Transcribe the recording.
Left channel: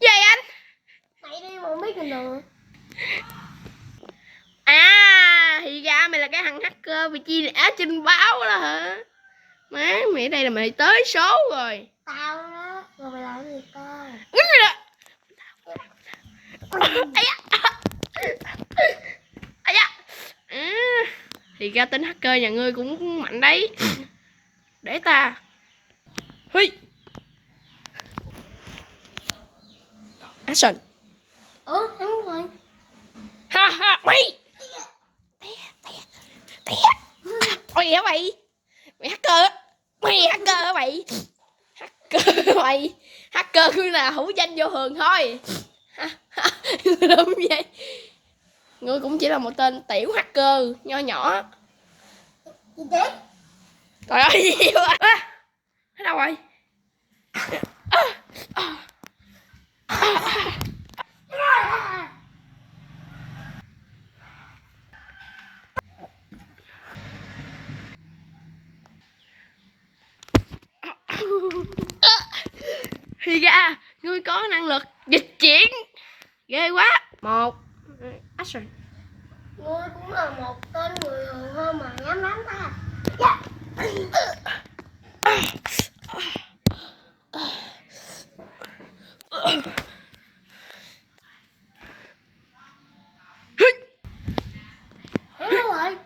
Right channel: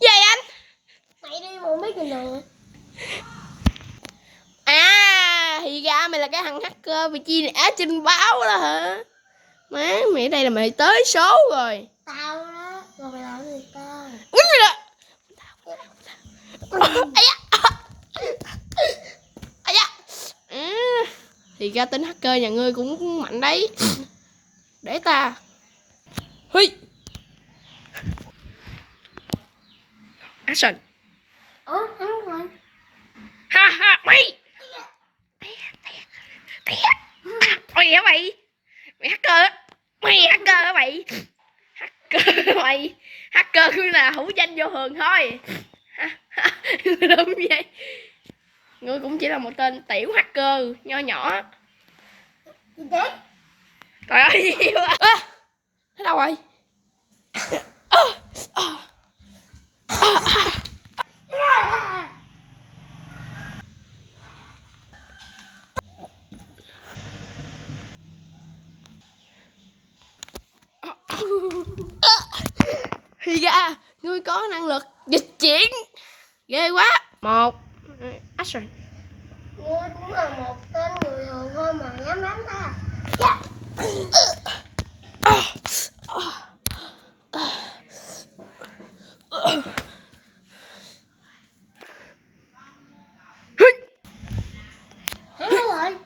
Về anh. Mày đi mà không biết gì nữa. À thì ra mày là cái thằng hacker bị chia rẽ trên báo đó hả? Má mày đây là mày tới số rồi. Tao đó. Rồi mày làm gì tao? Quýnh rồi đó. Ây da. Ây da. À, thì ra tính hacker nhà ngươi cũng mạnh đấy. Để ta. Huy. Action. Hắn rồi. Ha ha mày. Ôi hả mày? Mày hacker á. Mày hacker hả mày? Hacker mày. Hacker ngươi là hữu danh vô thường thôi. Đúng vậy. Ngươi cũng chỉ là một tên tiểu hacker nho nhỏ. Gì thế? Trời ơi gì quá. À, thế đâu rồi? Thì ra ngươi có năng lực dịch chuyển. Ghê quá. 1 action. Ngươi cũng là một tên người thường thôi mà dám đánh ta. Hắn đâu rồi?